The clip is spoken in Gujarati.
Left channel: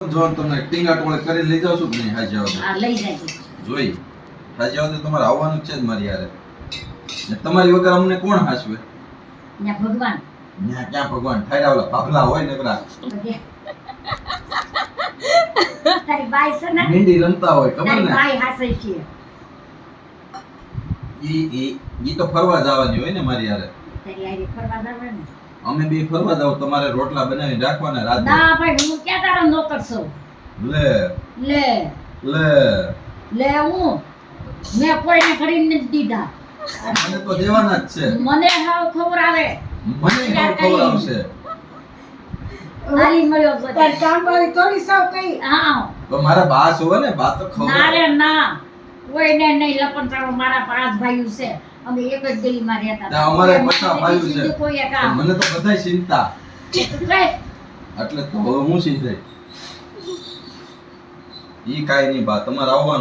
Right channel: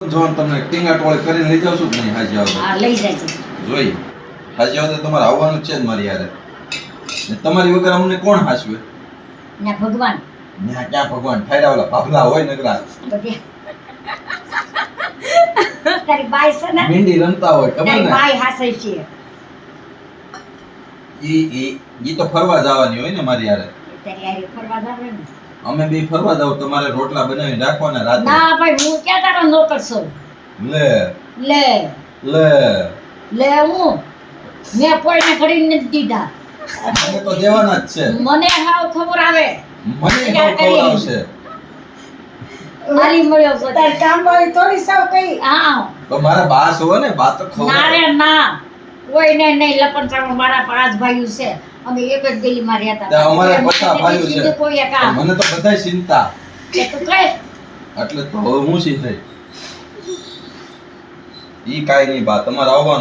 જોન તમે ટીંગા ટોળે કરીને લઈ જાવ છો કે નહીં હાજી આવો હા લઈ જાય છે જોઈ હાજી આવો તો તમારે આવવાનું છે જ મારી યારે ને તમારી વગર અમને કોણ હાચવે ને ભગવાન ન્યા ક્યાં ભગવાન ઠાયરા ઓલા ભાભલા હોય નકરા બધી તારી બાઈ છે ને મીંડી રમતા હોય ખબર તારી ને બાઈ હાસે છે ઈ તો ફરવા જવાની હોય ને મારી યારે તારી આરે ફરવા જાવે ને અમે બે ફરવા જાવ તમારે રોટલા બનાવીને રાખવાના રાતે ના ભાઈ હું ક્યાં તારો નોકર છું લે લે લે લે હું મેં કોઈને ખરીને નથી દીધા મને તો દેવાના જ છે મને હાવ ખબર આવે મને હાવ ખબર આવશે મારી મળ્યો છે તાર કામવાળી થોડી સાવ કઈ હા તો મારા બા હોય ને બા તો ખબર ના રે ના કોઈને નહીં લપણ મારા 5 ભાઈઓ છે અમે એક જ ગલીમાં રહેતા તે અમારે બધા ભાઈઓ છે બીજું કોઈ કામ મને તો બધાય ચિંતા કે તું કહે એટલે તો હવે હું ચિંતા ઈ કાઈ નહીં બા તમારે આવવાનું